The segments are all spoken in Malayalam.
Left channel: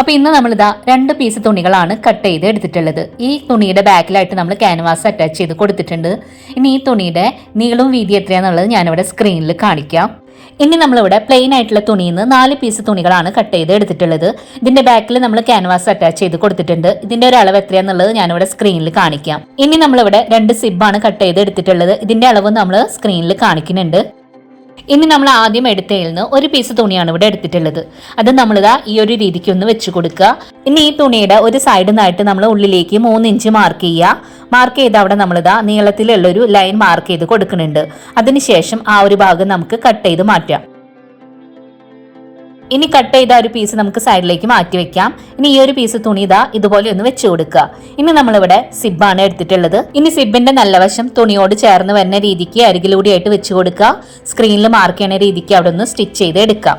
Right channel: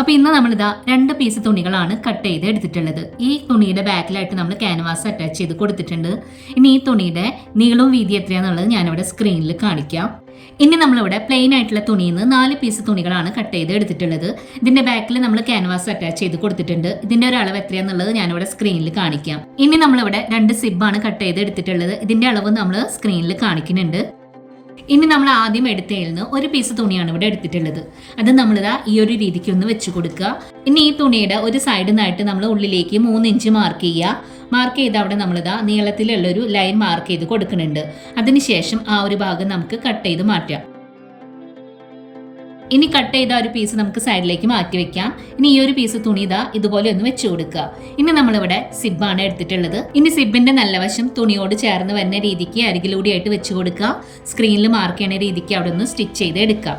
അപ്പൊ ഇന്ന് നമ്മളിതാ രണ്ട് പീസ് തുണികളാണ് കട്ട് ചെയ്ത് എടുത്തിട്ടുള്ളത്. ഈ തുണിയുടെ ബാക്കിലായിട്ട് നമ്മൾ ക്യാൻവാസ് അറ്റാച്ച് ചെയ്ത് കൊടുത്തിട്ടുണ്ട്. ഇനി ഈ തുണിയുടെ നീളവും വീതി എത്രയാന്നുള്ളത് ഞാനിവിടെ സ്ക്രീനിൽ കാണിക്കാം. ഇനി നമ്മളിവിടെ പ്ലെയിൻ ആയിട്ടുള്ള തുണിയിൽ നിന്ന് നാല് പീസ് തുണികളാണ് കട്ട് ചെയ്ത് എടുത്തിട്ടുള്ളത്. ഇതിന്റെ ബാക്കിൽ നമ്മൾ ക്യാൻവാസ് അറ്റാച്ച് ചെയ്ത് കൊടുത്തിട്ടുണ്ട്. ഇതിന്റെ ഒരു അളവ് എത്രയാന്നുള്ളത് ഞാനിവിടെ സ്ക്രീനിൽ കാണിക്കാം. ഇനി നമ്മളിവിടെ രണ്ട് സിബാണ് കട്ട് ചെയ്ത് എടുത്തിട്ടുള്ളത്. ഇതിന്റെ അളവ് നമ്മൾ സ്ക്രീനിൽ കാണിക്കുന്നുണ്ട്. ഇനി നമ്മൾ ആദ്യം എടുത്തതിൽ നിന്ന് ഒരു പീസ് തുണിയാണ് ഇവിടെ എടുത്തിട്ടുള്ളത്. അത് നമ്മൾ നമ്മളിതാ ഈ ഒരു രീതിക്ക് ഒന്ന് വെച്ച് കൊടുക്കുക. ഇനി ഈ തുണിയുടെ ഒരു സൈഡിൽ നിന്നായിട്ട് നമ്മൾ ഉള്ളിലേക്ക് മൂന്ന് ഇഞ്ച് മാർക്ക് ചെയ്യുക. മാർക്ക് ചെയ്ത് അവിടെ നമ്മളിതാ നീളത്തിലുള്ള ഒരു ലൈൻ മാർക്ക് ചെയ്ത് കൊടുക്കുന്നുണ്ട്. അതിനുശേഷം ആ ഒരു ഭാഗം നമുക്ക് കട്ട് ചെയ്ത് മാറ്റാം. ഇനി കട്ട് ചെയ്ത ഒരു പീസ് നമുക്ക് സൈഡിലേക്ക് മാറ്റി വെക്കാം. ഇനി ഈ ഒരു പീസ് തുണി ഇതാ ഇതുപോലെ ഒന്ന് വെച്ച് കൊടുക്കുക. ഇനി നമ്മളിവിടെ സിബാണ് എടുത്തിട്ടുള്ളത്. ഇനി സിബിന്റെ നല്ല വശം തുണിയോട് ചേർന്ന് വരുന്ന രീതിക്ക് അരികിലൂടെയായിട്ട് വെച്ച് കൊടുക്കുക. സ്ക്രീനിൽ മാർക്ക് ചെയ്യുന്ന രീതിക്ക് അവിടെ ഒന്ന് സ്റ്റിച്ച് ചെയ്ത് എടുക്കാം.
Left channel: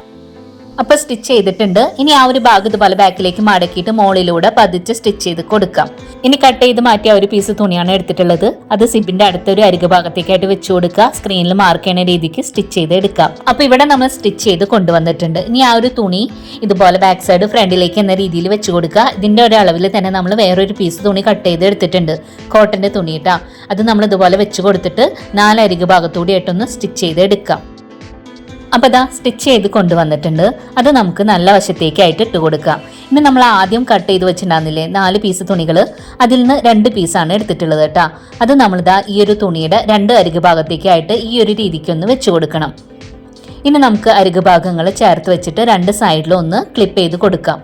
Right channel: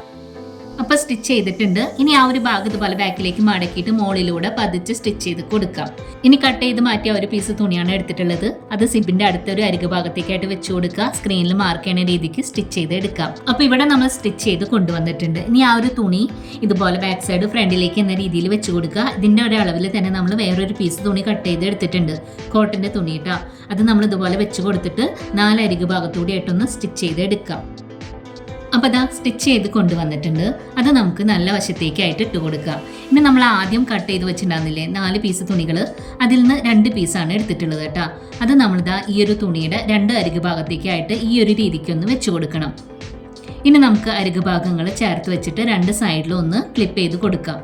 അപ്പൊ സ്റ്റിച്ച് ചെയ്തിട്ടുണ്ട്. ഇനി ആ ഒരു ഭാഗം ഇതുപോലെ ബാക്കിലേക്ക് മടക്കിയിട്ട് മുകളിലൂടെ പതിച്ച് സ്റ്റിച്ച് ചെയ്ത് കൊടുക്കാം. ഇനി കട്ട് ചെയ്ത് മാറ്റിയ ഒരു പീസ് തുണിയാണ് എടുത്തിട്ടുള്ളത്. അത് സിബിന്റെ അടുത്തൊരു അരികു ഭാഗത്തേക്കായിട്ട് വെച്ചു കൊടുക്കുക. സ്ക്രീനിൽ മാർക്ക് ചെയ്യുന്ന രീതിക്ക് സ്റ്റിച്ച് ചെയ്ത് എടുക്കാം. അപ്പൊ ഇവിടെ നമ്മൾ സ്റ്റിച്ച് ചെയ്ത് കൊണ്ടുവന്നിട്ടുണ്ട്. ഇനി ആ ഒരു തുണി ഇതുപോലെ ബാക്ക് സൈഡ് ഫ്രണ്ടിലേക്ക് എന്ന രീതിയിൽ വെച്ചു കൊടുക്കുക. ഇതിന്റെ ഒരു അളവിൽ തന്നെ നമ്മൾ വേറൊരു പീസ് തുണി കട്ട് ചെയ്ത് എടുത്തിട്ടുണ്ട്. കോട്ടന്റെ തുണി കേട്ടോ അത് നമ്മൾ ഇതുപോലെ വെച്ച് കൊടുത്തിട്ട് നാല് അരികു ഭാഗത്തൂടി ആയിട്ടൊന്ന് സ്റ്റിച്ച് ചെയ്ത് എടുക്കാം. അപ്പോൾ അതാ സ്റ്റിച്ച് ചെയ്ത് കൊണ്ടുവന്നിട്ടുണ്ട്. അത് നമുക്ക് നല്ല വശത്തേക്കായിട്ട് ഇട്ട് കൊടുക്കാം. ഇനി നമ്മൾ ആദ്യം കട്ട് ചെയ്ത് വെച്ചിട്ടുണ്ടാകുന്നില്ലേ നാല് പീസ് തുണികൾ അതിൽ നിന്ന് രണ്ട് പീസാണ് എടുത്തിട്ടുള്ളത് കേട്ടോ. അത് നമ്മളിതാ ഈ ഒരു തുണിയുടെ രണ്ട് അരികു ഭാഗത്തേക്കായിട്ട് ഈ ഒരു രീതിക്കൊന്ന് വെച്ച് കൊടുക്കണം. ഇനി നമുക്ക് അരികു ഭാഗങ്ങൾ ചേർത്ത് വെച്ചിട്ട് രണ്ട് സൈഡിലും ഒന്ന് ക്ലിപ്പ് ചെയ്ത് കൊടുക്കാം.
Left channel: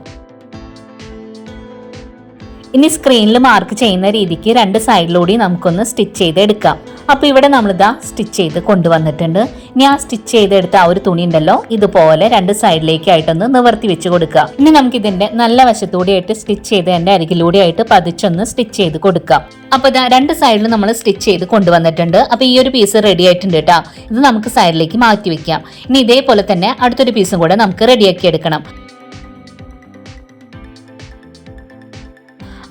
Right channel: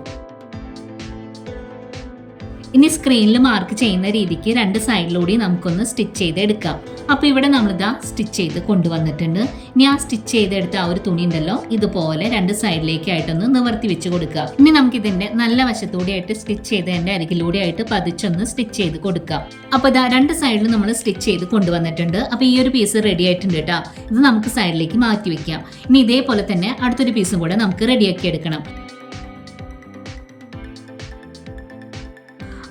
ഇനി സ്ക്രീനിൽ മാർക്ക് ചെയ്യുന്ന രീതിക്ക് രണ്ട് സൈഡിലൂടെ നമുക്കൊന്ന് സ്റ്റിച്ച് ചെയ്ത് എടുക്കാം അപ്പോൾ ഇവിടെ നമ്മളിതാ സ്റ്റിച്ച് ചെയ്ത് കൊണ്ടുവന്നിട്ടുണ്ട്. ഇനി ആ സ്റ്റിച്ച് ചെയ്തെടുത്ത ആ ഒരു തുണി ഉണ്ടല്ലോ ഇതുപോലെ രണ്ട് സൈഡിലേക്കായിട്ടൊന്ന് നിവർത്തി വെച്ച് കൊടുക്കുക. ഇനി നമുക്ക് ഇതിന്റെ നല്ല വശത്തൂടെ ആയിട്ട് സ്റ്റിച്ച് ചെയ്തതിന്റെ അരികിലൂടെ ആയിട്ട് പതിച്ചൊന്ന് സ്റ്റിച്ച് ചെയ്ത് കൊടുക്കാം. അപ്പോൾ ഇതാ രണ്ട് സൈഡിൽ നമ്മൾ സ്റ്റിച്ച് ചെയ്ത് കൊണ്ടുവന്നിട്ടുണ്ട്. അപ്പോൾ ഈ ഒരു പീസ് റെഡി ആയിട്ടുണ്ട് കേട്ടോ ഇത് നമുക്ക് സൈഡിലേക്ക് മാറ്റി വെക്കാം. ഇനി ഇതേപോലെ തന്നെ അടുത്തൊരു പീസും കൂടെ നമുക്ക് റെഡിയാക്കി എടുക്കണം.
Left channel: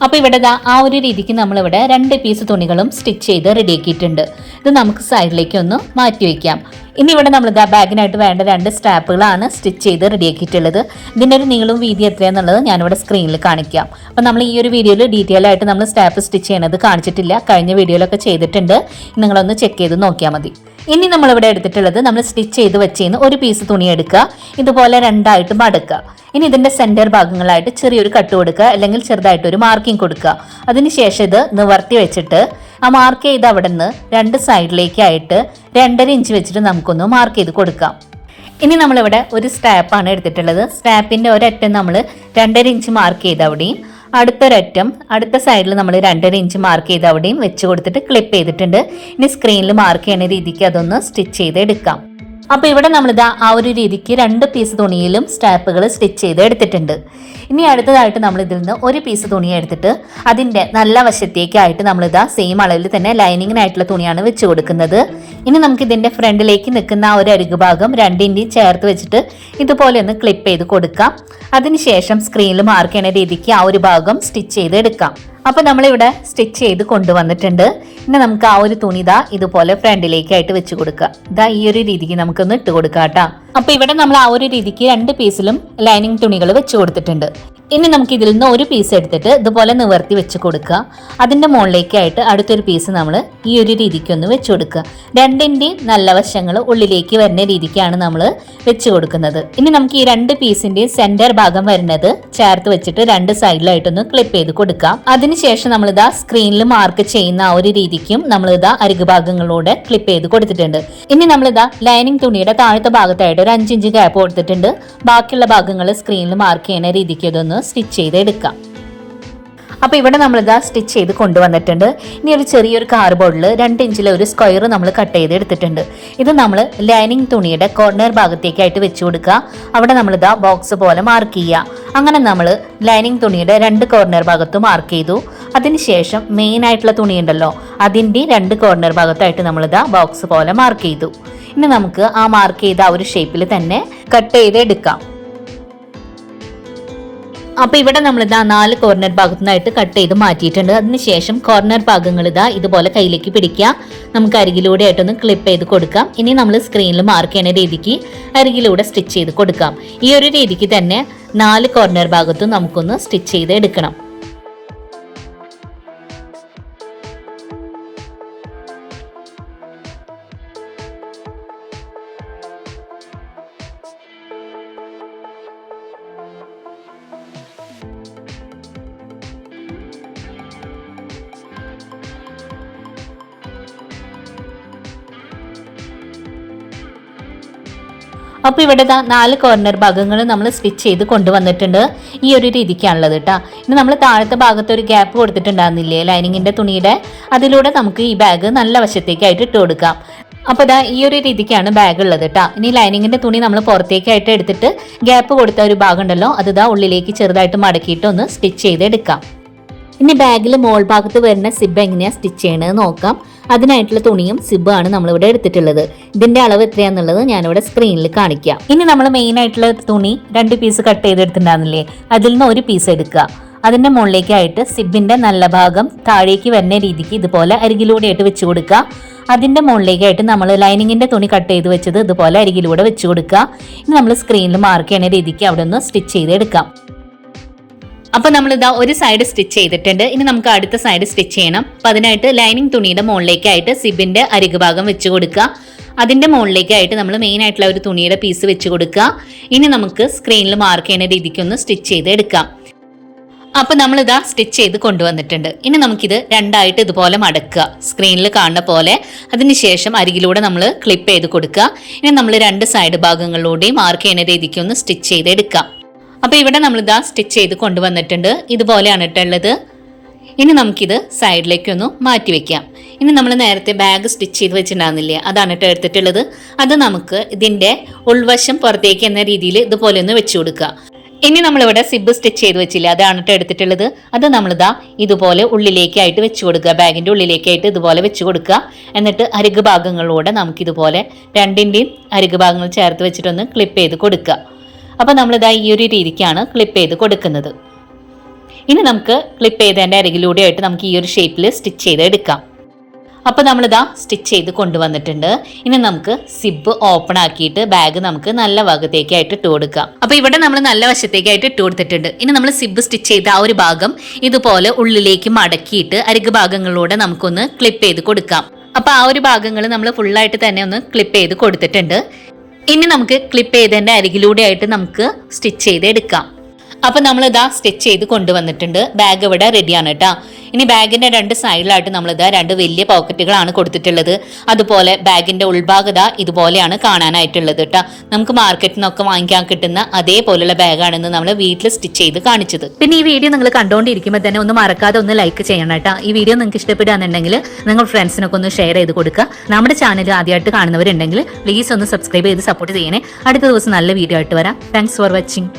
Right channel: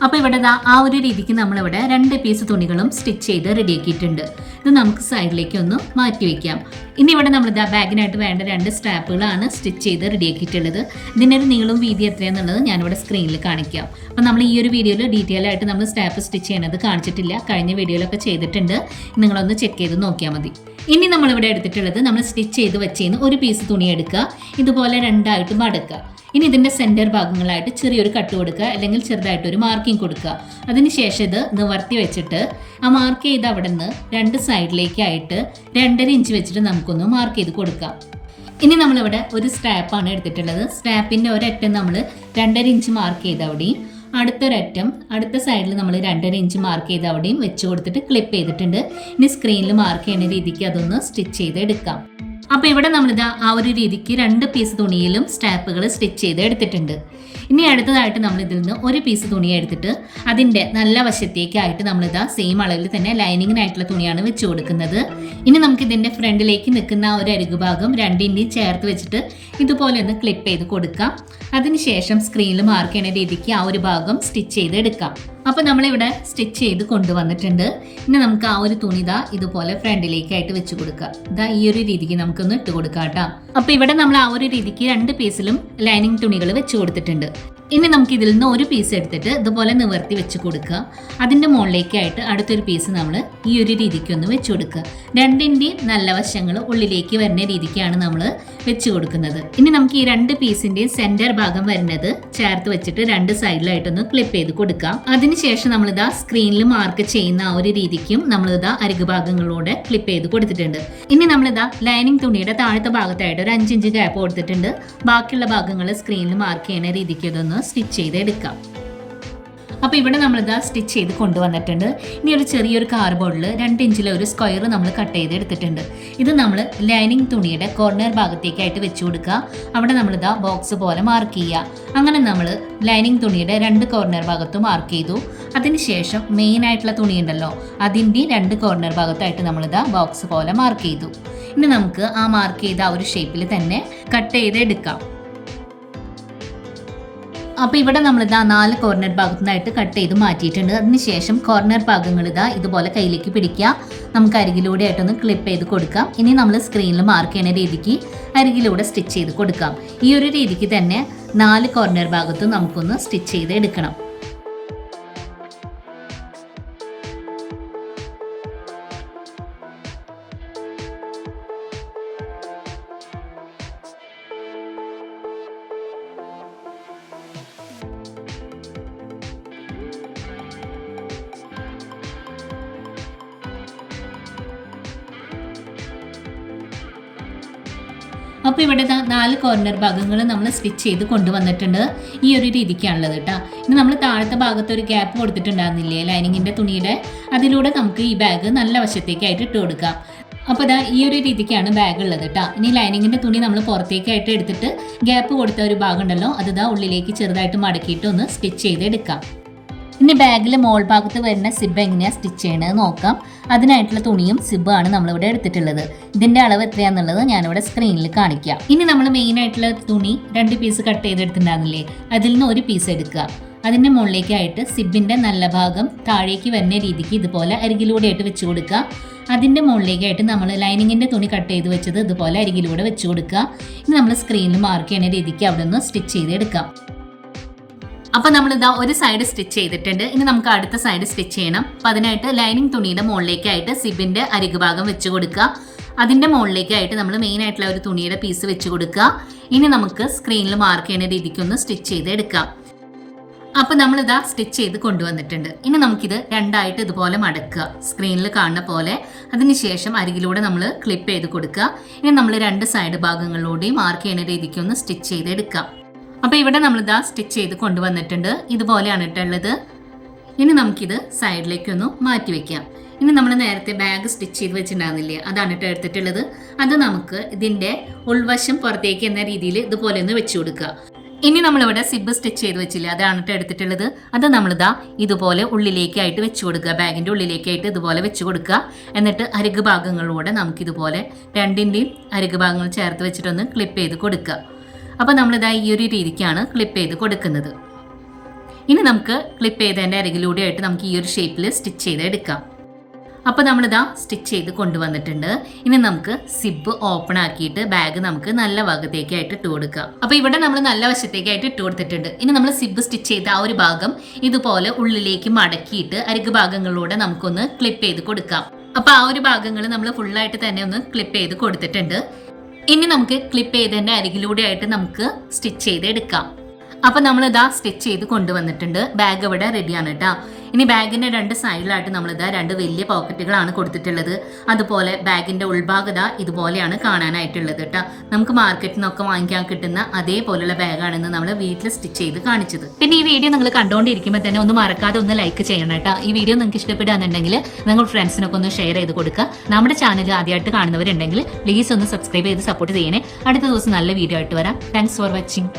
അപ്പോൾ ഇവിടെ ആ ഒരു രീതിക്ക് നമ്മളിവിടെ രണ്ട് പീസ് തുണികളും സ്റ്റിച്ച് ചെയ്ത് റെഡിയാക്കിയിട്ടുണ്ട് ഇത് നമുക്ക് സൈഡിലേക്ക് ഒന്ന് മാറ്റി വയ്ക്കാം ഇനി ഇവിടെ നമ്മൾ ഇതാ ബാഗിനായിട്ട് വേണ്ട രണ്ട് സ്റ്റാപ്പുകളാണ് സ്റ്റിച്ച് ചെയ്ത് റെഡിയാക്കിയിട്ടുള്ളത്. ഇതിന്റെ ഒരു നീളവും വീതി എത്രയാണെന്നുള്ളത് ഞാനിവിടെ സ്ക്രീനിൽ കാണിക്കാം. അപ്പോൾ നമ്മൾ ഈ ഒരു വീഡിയോയിൽ ഡീറ്റെയിൽ ആയിട്ട് നമ്മൾ സ്റ്റാപ്പ് സ്റ്റിച്ച് ചെയ്യണത് കാണിച്ചിട്ടില്ല. കഴിഞ്ഞ വീഡിയോയിലൊക്കെ ചെയ്തിട്ടുണ്ട്. നിങ്ങളൊന്ന് ചെക്ക് ചെയ്ത് നോക്കിയാൽ മതി. ഇനി നമ്മളിവിടെ എടുത്തിട്ടുള്ളത് നമ്മൾ സ്റ്റിച്ച് ചെയ്ത് വെച്ചതിന് ഒരു പീസ് തുണി എടുക്കുക. ഇതുപോലെ രണ്ടായിട്ട് മടക്കുക. ഇനി ഇതിന്റെ സെന്റർ ഭാഗങ്ങളായിട്ട് ചെറിയൊരു കട്ട് കൊടുക്കുക. അല്ലെങ്കിൽ ചെറുതായിട്ട് ഒരു മാർക്കിംഗ് കൊടുക്കുക അതിനുശേഷം ഇത് നിവർത്തി വെച്ചിട്ട് ആ മാർക്ക് ചെയ്ത് അവിടെ നിന്ന് രണ്ട് സൈഡിലേക്കായിട്ട് രണ്ടര ഇഞ്ച് വെച്ചിട്ട് നമുക്കൊന്ന് മാർക്ക് ചെയ്ത് കൊടുക്കാം. ഇനി നമ്മളിവിടെ ഒരു സ്റ്റാപ്പാണ് എടുത്തിട്ടുള്ളത്. സ്റ്റാപ്പിന്റെ ഒരറ്റം നമ്മൾ രണ്ടര ഇഞ്ച് മാർക്ക് ചെയ്ത് അവിടെയും അടുത്തൊരറ്റം അടുത്ത സൈഡിൽ നമ്മൾ രണ്ടര ഇഞ്ച് മാർക്ക് ചെയ്ത് അവിടെയും വെച്ച് കൊടുത്തിട്ട് ക്ലിപ്പ് ചെയ്തിട്ടുണ്ട്. ഇനി സ്ക്രീനിൽ മാർക്ക് ചെയ്യുന്ന രീതിക്ക് അതൊന്ന് സ്റ്റിച്ച് ചെയ്ത് എടുക്കാം. അപ്പോൾ ഇവിടെ നമ്മളിതാ ആ ഒരു രീതിക്ക് രണ്ട് പീസ് തുണിയിലും സ്റ്റാപ്പുകൾ സ്റ്റിച്ച് ചെയ്ത് എടുത്തിട്ടുണ്ട്. ഇനി അടുത്തതായിട്ട് നമ്മൾ ഇതിൽ നിന്ന് ഒരു പീസ് തുണി എടുത്തിട്ട് അതിന്റെ നല്ല വശത്തേക്കായിട്ട് നമ്മളിതാ സെയിം അളവിൽ തന്നെ ലൈനിങ്ങിനായിട്ടുള്ള തുണിയാണ് വെച്ച് കൊടുക്കുന്നത്. ഇനി നമുക്ക് ഇതിന്റെ ഫ്രണ്ടിലേക്ക് നിൽക്കുന്ന ആ ഒരു അരികു ഭാഗം രണ്ടിന്റെയും ചേർത്ത് വെച്ചിട്ട് ഇതുപോലെ ഒന്ന് ക്ലിപ്പ് ചെയ്ത് കൊടുക്കാം. അതിനുശേഷം സ്ക്രീനിൽ മാർക്ക് ചെയ്യുന്ന രീതിക്ക് ആ ഒരു ഭാഗം സ്റ്റിച്ച് ചെയ്ത് എടുക്കാം. അപ്പോൾ നമ്മളിവിടെ സ്റ്റിച്ച് ചെയ്ത് കൊണ്ടുവന്നിട്ടുണ്ട്. ഇനി നമുക്ക് ആ ഒരു തുണി ഇതാ ഇതുപോലെ ഫ്രണ്ടിലേക്കായിട്ട് വെച്ച് കൊടുക്കുക. ഇതാ ഈ ഒരു രീതിക്ക് നമുക്കൊന്ന് ഇട്ട് കൊടുക്കാം കേട്ടോ. അപ്പോൾ ഇവിടെ നമ്മൾ ആ ഒരു രീതിക്ക് രണ്ട് പീസിലും ലൈനിങ് തുണികൾ വെച്ച് കൊടുത്തിട്ടുണ്ട്. ഇനി നമുക്ക് ഇതിൽ നിന്ന് ഒരു പീസ് എടുത്തിട്ട് ഇതുപോലെ നിവർത്തി വെച്ച് കൊടുക്കുക. അതിന്റെ മുകളിലേക്കായിട്ട് അടുത്തൊരു പീസ് നമ്മൾ ഈ ഒരു രീതിക്കൊന്ന് വെച്ച് കൊടുക്കുക. രണ്ടിന്റെയും നല്ല വശങ്ങൾ ഉള്ളിലേക്ക് വരുന്ന രീതിക്കാണ് നമ്മൾ വെച്ച് കൊടുക്കുന്നത്. ഇനി നമുക്ക് ഈ രണ്ട് പീസിന്റെയും സെന്റർ ഭാഗം വരുന്നത് ചേർത്ത് വെച്ചിട്ട് രണ്ട് സൈഡിലായിട്ടൊന്ന് ക്ലിപ്പ് ചെയ്ത് കൊടുക്കാം. അതിനുശേഷം നമ്മളിതാ സ്ക്രീനിൽ മാർക്ക് ചെയ്യുന്ന ആ ഒരു രീതിക്കും നമ്മളിതാ അരികു ഭാഗങ്ങളോടെ ക്ലിപ്പ് ചെയ്ത് കൊടുത്തിട്ടുണ്ട്. ഇനി നമ്മളിതാ ലൈനിങ് തുണിയുടെ താഴത്തെ ഭാഗത്തായിട്ട് ഒരു അഞ്ചിഞ്ച് ഗ്യാപ്പ് കൊടുത്തിട്ടുണ്ട്. ബാക്കിയുള്ള ഭാഗങ്ങൾ സ്ക്രീനിൽ മാർക്ക് ചെയ്യുന്ന രീതിക്ക് ഇതൊന്ന് സ്റ്റിച്ച് ചെയ്ത് എടുക്കാം അപ്പോൾ ഇവിടെ നമ്മൾ ഇതാ സ്റ്റിച്ച് ചെയ്ത് കൊണ്ടുവന്നിട്ടുണ്ട്. ഇനി ഒരു ചെറിയൊരു കാർബോർഡിൽ രണ്ട് ഇഞ്ചിലെ ഒരു സ്ക്വയർ നമ്മൾ കട്ട് ചെയ്ത് എടുത്തിട്ടുണ്ട്. ഇത് നമ്മൾ ലൈനിങ് തുണിയുടെ കോർണർ ഭാഗത്തേക്കായിട്ട് വെച്ച് കൊടുക്കുക. അവിടെ നമ്മളിതാ ബോക്സ് പോലെ മാർക്ക് ചെയ്യുക. അങ്ങനെ നമ്മൾ ലൈനിങ് തുണിയുടെ രണ്ട് കോർണർ ഭാഗത്ത് മാർക്ക് ചെയ്തു. അതിനുശേഷം മെയിൻ ആയിട്ടുള്ള തുണി ഉണ്ടല്ലോ അതിന്റെ രണ്ട് കോർണർ ഭാഗത്തായിട്ട് നമ്മളിതാ ബോക്സ് പോലെ മാർക്ക് ചെയ്തു. ഇനി നമുക്ക് ആ മാർക്ക് ചെയ്ത ആ ഒരു ഷേപ്പിൽ തന്നെ കട്ട് ചെയ്ത് എടുക്കാം. അപ്പോൾ ഇവിടെ നമ്മൾ ഇതാ നാല് കോർണർ ഭാഗത്തുനിന്നായിട്ട് കട്ട് ചെയ്ത് മാറ്റിയിട്ടുണ്ട്. അതിനുശേഷം കോർണർ ഭാഗങ്ങൾ ഇതാ ഇതുപോലെ കയ്യിലേക്ക് പിടിക്കുക. നമുക്ക് അരികിലൂടെ ആയിട്ടൊന്ന് ക്ലിപ്പ് ചെയ്ത് കൊടുക്കാം. ഇനി നമ്മൾ സ്ക്രീനിൽ മാർക്ക് ചെയ്യുന്ന രീതിക്ക് അരികിലൂടെ സ്റ്റിച്ച് ചെയ്ത് കൊടുക്കാം. ഈ ഒരു രീതിക്ക് തന്നെ നാല് കോർണർ ഭാഗത്തും നമുക്കൊന്ന് സ്റ്റിച്ച് ചെയ്ത് എടുക്കണം. അപ്പോൾ ഇവിടെ നാല് കോർണർ ഭാഗങ്ങൾ നമ്മൾ സ്റ്റിച്ച് ചെയ്ത് കൊണ്ടുവന്നിട്ടുണ്ട്. ഈ ഒരു രീതിക്കാണുള്ളത് കേട്ടോ ഇനി നമ്മൾ താഴത്തെ ഭാഗത്ത് ഒരു ഗ്യാപ്പ് കൊടുത്തിട്ടുണ്ടായിരുന്നില്ലേ ലൈനിങ്ങിന്റെ തുണിയുടെ? അതിലൂടെ നമുക്ക് ഈ ബാഗ് നല്ല വശത്തേക്കായിട്ട് ഇട്ട് കൊടുക്കാം. അപ്പോൾ ഇതാ ഈ ഒരു രീതിക്കാണ് ബാഗ് ഉള്ളത് കേട്ടോ ഇനി ലൈനിങ്ങിന്റെ തുണി നമ്മൾ പുറത്തേക്കായിട്ട് എടുത്തിട്ട് ഗ്യാപ്പ് കൊടുത്ത ഒരു ഭാഗം ഉണ്ടല്ലോ അത് ഇതാ ഉള്ളിലേക്ക് ചെറുതായിട്ട് മടക്കിയിട്ട് ഒന്ന് സ്റ്റിച്ച് ചെയ്ത് എടുക്കാം ഇനി ബാഗിൽ മോൾ ഭാഗത്ത് വരുന്ന സിബ് എങ്ങനെയാണ് സ്റ്റിച്ച് ചെയ്യണത് നോക്കാം. അതിനായിട്ടുള്ള തുണിയും സിബാണ് നമ്മളിവിടെ എടുത്തിട്ടുള്ളത്. ഇതിന്റെ അളവ് എത്രയാന്നുള്ളത് ഞാനിവിടെ സ്ക്രീനിൽ കാണിക്കാം. ഇനി നമ്മൾ മെയിൻ ആയിട്ടുള്ള തുണി രണ്ട് പീസ് കട്ട് ചെയ്തെടുത്തിട്ടുണ്ടാകുന്നില്ലേ അതിൽ നിന്ന് ഒരു പീസ് എടുക്കുക. അതിന്റെ മുകളിലേക്കായിട്ട് സിബിന്റെ നല്ല ഭാഗം താഴേക്ക് വരുന്ന രീതിക്ക് ഇതുപോലെ അരികിലൂടെ ആയിട്ട് വെച്ച് കൊടുക്കുക. അതിന്റെ മുകളിലേക്കായിട്ട് നമ്മൾ ലൈനിങ്ങിന്റെ തുണി കട്ട് ചെയ്ത് വെച്ചത് ഇതുപോലെ അരികിലൂടെ വെച്ച് കൊടുക്കുക. ഇനി നമ്മൾ സ്ക്രീനിൽ മാർക്ക് ചെയ്യുന്ന രീതിക്ക് അവിടെ നിന്ന് സ്റ്റിച്ച് ചെയ്ത് എടുക്കാം അപ്പൊ നമ്മൾ ഇതാ ഒരു സൈഡ് സ്റ്റിച്ച് ചെയ്തിട്ടുണ്ട്. ഇനി നമുക്ക് അടുത്ത സൈഡ് സ്റ്റിച്ച് ചെയ്യണം. അപ്പൊ അതിനായിട്ട് ലൈനിങ് തുണിയുടെ മുകളിലേക്കായിട്ട് സിബിന്റെ അരികു ഭാഗം വെച്ച് കൊടുക്കുക. അതിന്റെ മുകളിലേക്കായിട്ട് നമ്മൾ മെയിൻ ആയിട്ടുള്ള ഒരു തുണിയുടെ പീസ് വെച്ച് കൊടുക്കുക. ഇനി നമുക്ക് സ്ക്രീനിൽ മാർക്ക് ചെയ്യുന്ന രീതിക്ക് ഒന്ന് സ്റ്റിച്ച് ചെയ്ത് എടുക്കാം. അപ്പൊ നമ്മൾ ഇതാ സ്റ്റിച്ച് ചെയ്ത് കൊണ്ടുവന്നിട്ടുണ്ട്. ഇനി നമുക്കിത് രണ്ടായിട്ട് ഇതുപോലെ മടക്കുക. സ്ക്രീനിൽ കാണുന്ന പോലെ. അതിനുശേഷം അരികിലൂടെ നമ്മൾ ക്ലിപ്പ് ചെയ്ത് കൊടുക്കുക. ഇനി നമ്മൾ രണ്ട് സൈഡ് ഭാഗങ്ങളിലൂടെയും മാർക്ക് ചെയ്യുന്ന രീതിക്ക് ഒന്ന് സ്റ്റിച്ച് ചെയ്ത് എടുക്കാം. അപ്പോൾ ഇവിടെ നമ്മൾ ഇതാ സ്റ്റിച്ച് ചെയ്ത് കൊണ്ടുവന്നിട്ടുണ്ട്. ഇതുപോലെയാണ് ഇട്ടുള്ളത് ഇനി നമുക്കിത് സൈഡിലേക്ക് ഒന്ന് മാറ്റി വെക്കാം. ഇനി നമ്മൾ നേരത്തെ ബാഗ് സ്റ്റിച്ച് ചെയ്ത് വെച്ചിട്ടുണ്ടാകുന്നില്ലേ അതാണ് ഇട്ട് എടുത്തിട്ടുള്ളത്. അത് നമുക്ക് ഇതിന്റെ ഉൾവശം പുറത്തേക്ക് എന്ന രീതിയിൽ ഇതുപോലെ ഒന്ന് വെച്ചു കൊടുക്കുക. ഇനി നമ്മളിവിടെ സിബ് സ്റ്റിച്ച് ചെയ്ത് വെച്ചില്ല? അതാണ് ഇട്ട് എടുത്തിട്ടുള്ളത്. അത് നമ്മളിതാ ഇതുപോലെ ഉള്ളിലേക്കായിട്ട് വെച്ച് കൊടുക്കുക. ബാഗിന്റെ ഉള്ളിലേക്കായിട്ട് ഇതുപോലെ വെച്ച് കൊടുക്കുക. എന്നിട്ട് അരുഗ് ഭാഗങ്ങളിലൂടെ നമുക്കിതുപോലെ രണ്ടിന്റെയും അരുഗ് ഭാഗങ്ങൾ ചേർത്ത് വെച്ചിട്ടൊന്ന് ക്ലിപ്പ് ചെയ്ത് കൊടുക്കുക. അപ്പോൾ നമ്മളിതാ ഈ ഒരു രീതിക്കാണ് ക്ലിപ്പ് ചെയ്ത് കൊടുക്കുന്നത്. ഇനി നമുക്ക് ക്ലിപ്പ് ചെയ്തതിന്റെ അരികിലൂടെ ആയിട്ട് നമുക്ക് ഈ ഒരു ഷേപ്പിൽ സ്റ്റിച്ച് ചെയ്ത് എടുക്കാം. അപ്പോൾ നമ്മളിതാ സ്റ്റിച്ച് ചെയ്ത് കൊണ്ടുവന്നിട്ടുണ്ട്. ഇനി നമുക്ക് സിബ് ഓപ്പൺ ആക്കിയിട്ട് ബാഗ് നമുക്ക് നല്ല ഭാഗത്തേക്കായിട്ട് ഇട്ട് കൊടുക്കാം. അപ്പോൾ ഇവിടെ നമ്മൾ നല്ല വശത്തേക്കായിട്ട് ഇട്ട് കൊടുത്തിട്ടുണ്ട്. ഇനി നമ്മൾ സിബ് സ്റ്റിച്ച് ചെയ്ത ആ ഒരു ഭാഗം ഇതുപോലെ ഉള്ളിലേക്ക് മടക്കിയിട്ട് അരിക് ഭാഗങ്ങളിലൂടെ നമുക്കൊന്ന് ക്ലിപ്പ് ചെയ്ത് കൊടുക്കാം. അപ്പോൾ ആ ഒരു ഭാഗങ്ങൾ നമ്മൾ ഫുള്ളായിട്ട് തന്നെ ഒന്ന് ക്ലിപ്പ് ചെയ്ത് കൊടുത്തിട്ടുണ്ട്. ഇനി നമുക്ക് ക്ലിപ്പ് ചെയ്തതിന്റെ അരികിലൂടെ ആയിട്ട് നമുക്ക് സ്റ്റിച്ച് ചെയ്ത് എടുക്കാം അപ്പം നമ്മൾ ഇതാ സ്റ്റിച്ച് ചെയ്ത് കൊണ്ടുവന്നിട്ടുണ്ട്. ബാഗ് ഇവിടെ റെഡിയാണ് കേട്ടോ. ഇനി ബാഗിന്റെ രണ്ട് സൈഡിലായിട്ട് നമ്മളിത് രണ്ട് വലിയ പോക്കറ്റുകളാണ് കൊടുത്തിട്ടുള്ളത്. അതുപോലെ ബാഗിന്റെ ഉൾഭാഗത ഇതുപോലെയാണ് കാണാനായിട്ടുള്ളത് കേട്ടോ. നമുക്ക് മാർക്കറ്റിൽ നിന്നൊക്കെ വാങ്ങിക്കാൻ കിട്ടുന്ന അതേപോലെയുള്ള ബാഗാണെന്ന് നമ്മൾ വീട്ടിൽ സ്റ്റിച്ച് ചെയ്ത് കാണിച്ചത്. പിന്നെ ഈ വീഡിയോ നിങ്ങൾ കണ്ടുകൊണ്ടിരിക്കുമ്പോൾ തന്നെ ഒന്ന് മറക്കാതെ ഒന്ന് ലൈക്ക് ചെയ്യണം കേട്ടോ. ഈ വീഡിയോ നിങ്ങൾക്ക് ഇഷ്ടപ്പെടുകയാണെന്നുണ്ടെങ്കിൽ നിങ്ങൾ ഫ്രണ്ട്സിനൊക്കെ ഒന്ന് ഷെയർ ചെയ്ത് കൊടുക്കുക. നമ്മുടെ ചാനൽ ആദ്യമായിട്ട് കാണുന്നവരുണ്ടെങ്കിൽ പ്ലീസ് ഒന്ന് സബ്സ്ക്രൈബ് ചെയ്ത് സപ്പോർട്ട് ചെയ്യണേ. അടുത്ത ദിവസം നല്ല വീഡിയോ ആയിട്ട് വരാം. Thanks for watching